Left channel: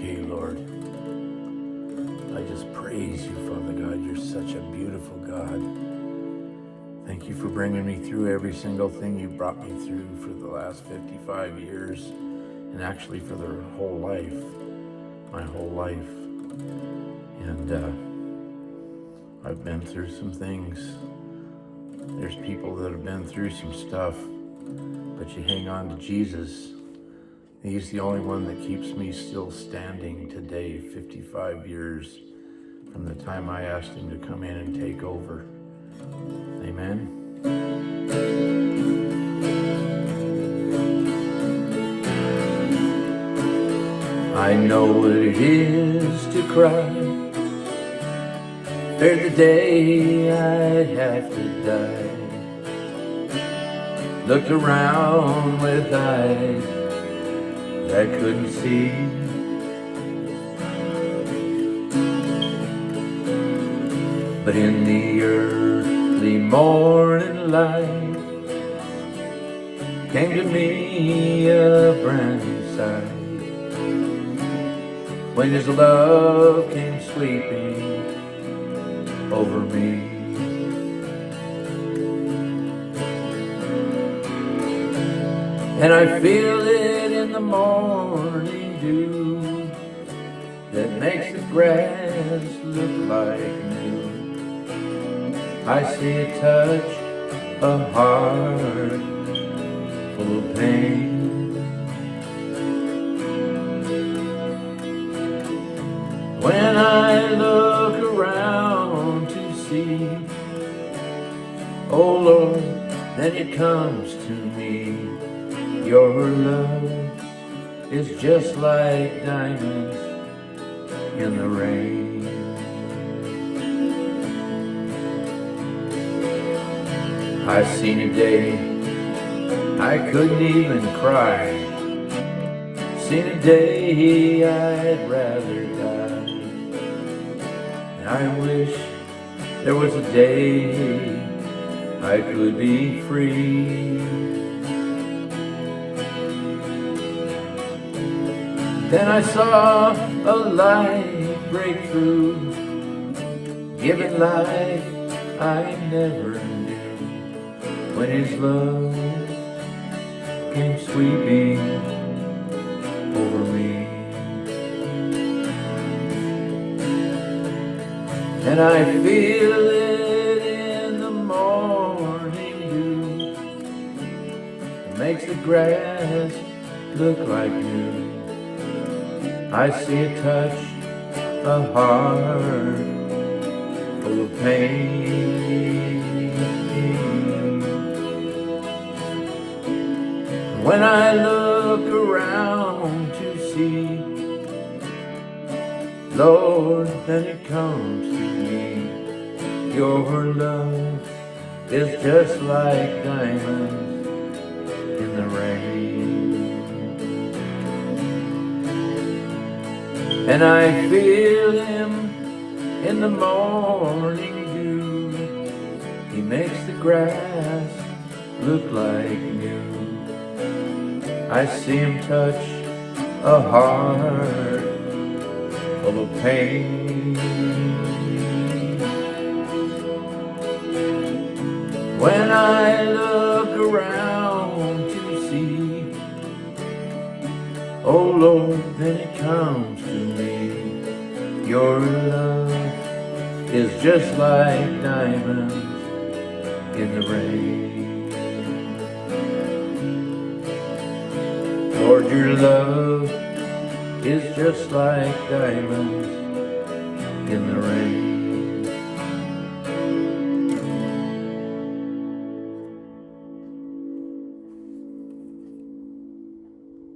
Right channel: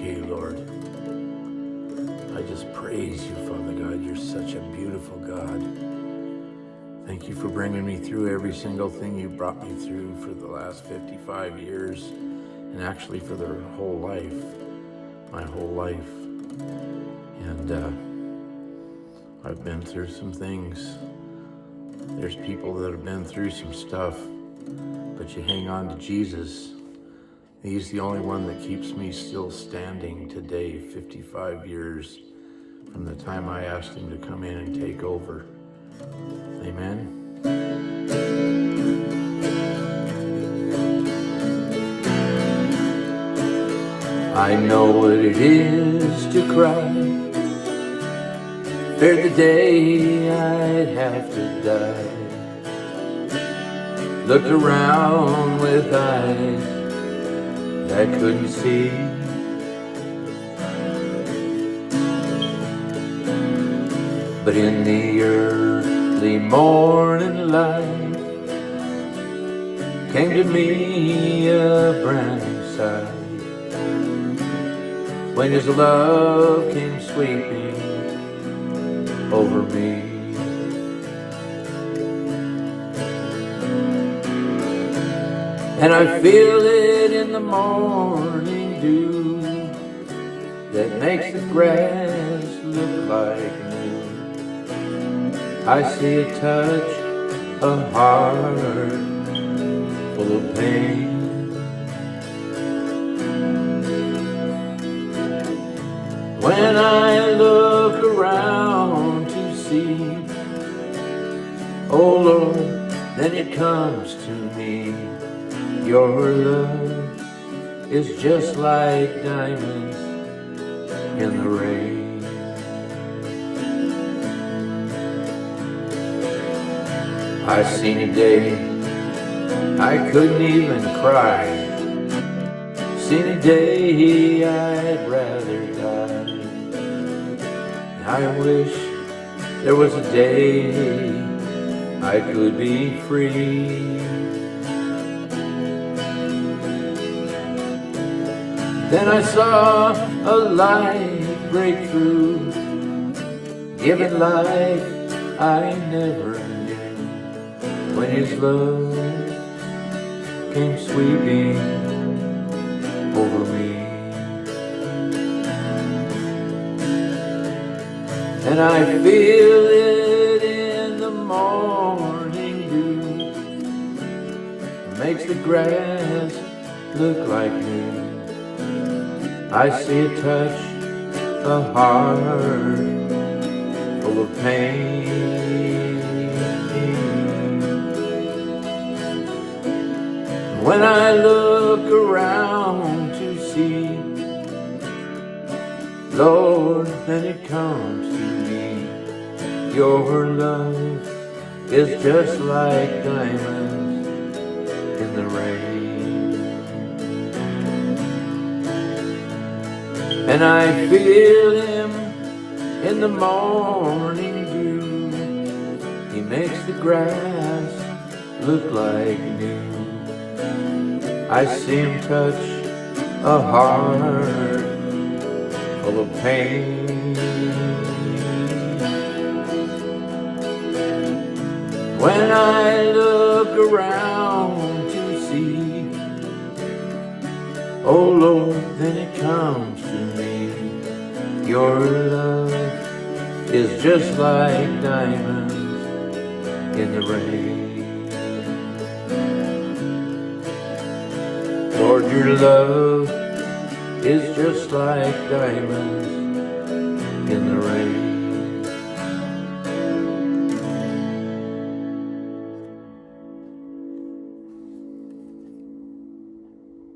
okay, Lord. I just praise you, Father God. You're such a beautiful God. Thank you for bringing me through every single thing you brought me through for the last 55 years, and actually for their whole life, my whole life. And I've been through some things. There's people that have been through some stuff, but you hang on to Jesus. He's the only one that keeps me still standing today, 55 years from the time I asked him to come in and take over. Amen. I know what it is to cry, fear the day I'd have to die. Looked around with eyes I couldn't see. But in the early morning light came to me a brand new sight, when his love came sweeping over me. And I feel it in the morning dew that makes the grass look like new. I see it touch a heart full of pain. When I look around to see, oh Lord, then it comes to me. Your love is just like diamonds in the rain. I've seen a day I couldn't even cry, seen a day I'd rather die. And I wish there was a day I could be free. Then I saw a light break through, giving life I never knew, when his love came sweeping over me. And I feel it in the morning dew, it makes the grass look like new. I see it touch a heart full of pain. When I look around to see, Lord, then it comes to me. Your love is just like diamonds in the rain. And I feel him in the morning dew, he makes the grass look like new. I see him touch a heart full of pain. When I look around to see, oh Lord, then it comes to me. Your love is just like diamonds in the rain. Lord, your love is just like diamonds in the rain.